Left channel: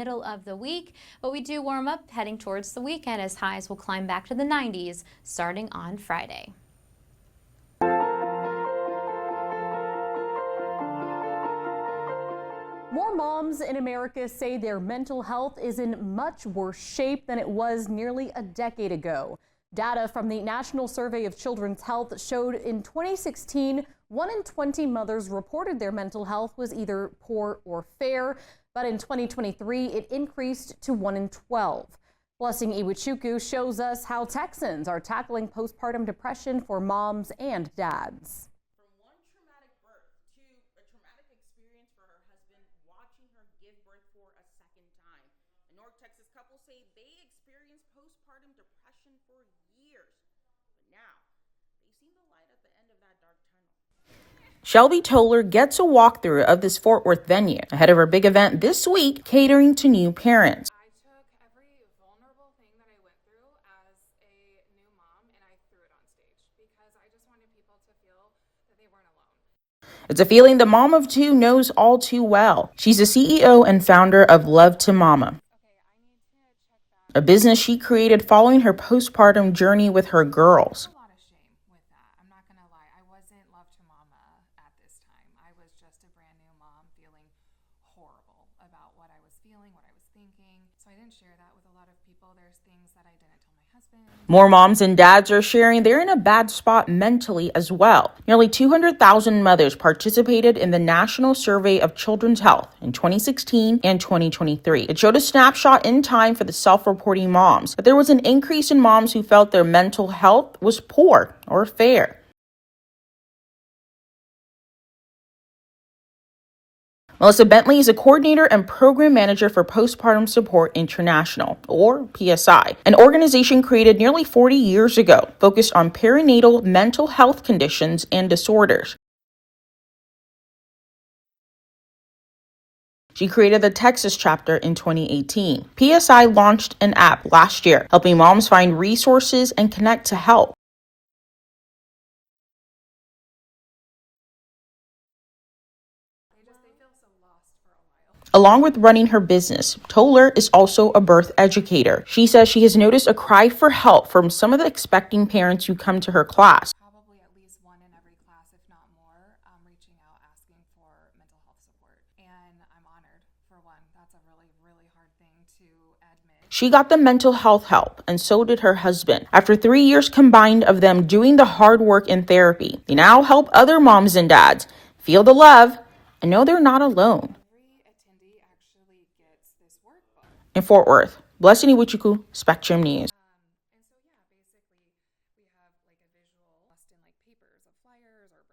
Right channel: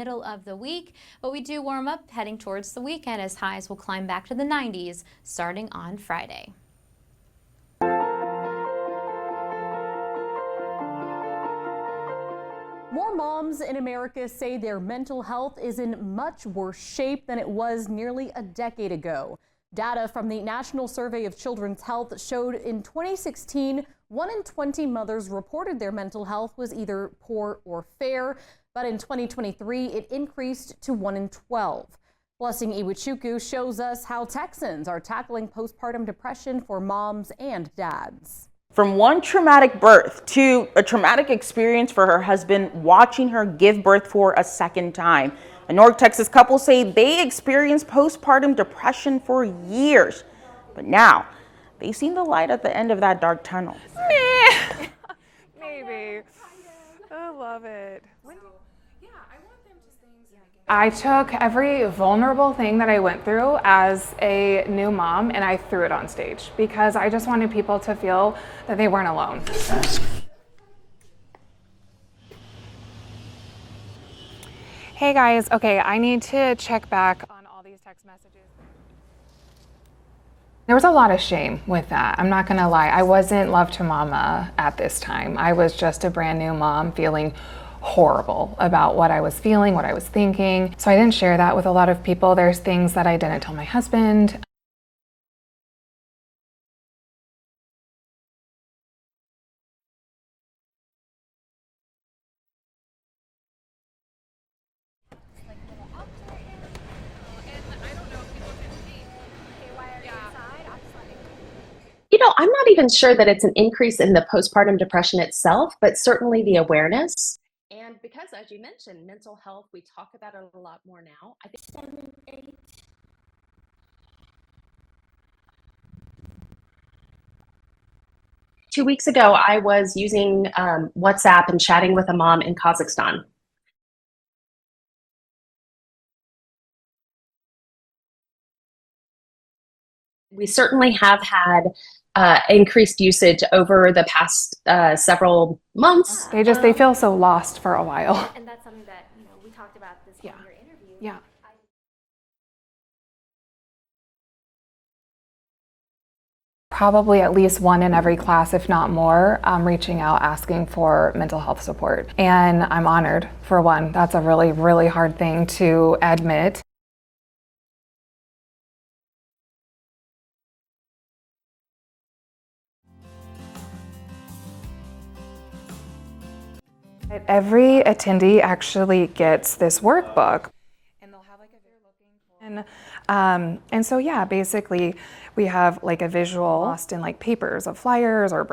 middle of the week, but we do warm up heading towards the weekend as highs will climb back to the 90s starting on Friday. More moms in America say their mental health is in much worse shape than it was nearly a decade ago. Data from the National Survey of Children's Health showed in 2016, 1 in 20 mothers reported their mental health was either poor or fair, but in 2023, it increased to 1 in 12. Blessing Iwachuku shows us how Texans are tackling postpartum depression for moms and dads. From one traumatic birth to a traumatic experience for her husband watching her give birth for a second time. A North Texas couple say they experienced postpartum depression for years, but now they've seen the light at the end of that dark tunnel. Shelby Toller gets a walkthrough of this Fort Worth venue ahead of her big event this week, catering to new parents. I took every vulnerable thing that I went through as a new mom and I threw it on stage because I just wanted people to feel that they weren't alone. It's a feeling the mom of two knows all too well. She's the CEO and founder of Love to Mama. Hey guys, okay, I need to check back. A business she created following her postpartum journey with her girls. There was a lot of shame with that. I'm not gonna lie. I wasn't Love to Mama at this time. I was just a brand new mom feeling horrible about what I was feeling, what I was thinking. So I didn't share that with a lot of people. There's things that I didn't tell my husband. More moms and dads are sharing they're in a bad spot mentally as well. Nearly 200,000 mothers participated in the National Survey of Children's Health in 2016 and 2023. It showed a snapshot in time for the self-reporting moms, but there was an increase in moms who felt their mental health was poor or fair. You know, I'm not even sure that it's an increase in the postpartum depression itself, but certainly the awareness. Melissa Bentley is a coordinator and program manager for Postpartum Support International, or PSI, an organization created nearly 40 years ago, focused on perinatal mental health conditions and disorders. 2 weeks ago, I was using WhatsApp and chatting with a mom in Kazakhstan. She created the Texas chapter in 2018. PSI launched an app last year, helping moms find resources and connect to help. I certainly have had increased usage over the past several months. They feel so lost for a while. Along with running her business, Toller is also a birth educator. She says she has noticed a cry for help from some of the expecting parents who come to her class. Probably at least one in every class, if not more, reaching out asking for mental health support. And I'm honored, for one. That's a really, really hard thing to admit. She got the mental health help, and so did her husband. After 3 years combined of them doing the hard work in therapy, they now help other moms and dads feel the love and know they're not alone. Every attendee actually gets this workbook. In Fort Worth, Blessing Iwachuku, Spectrum News. And so, yeah, basically we have like a visual lost in like papers of flyers or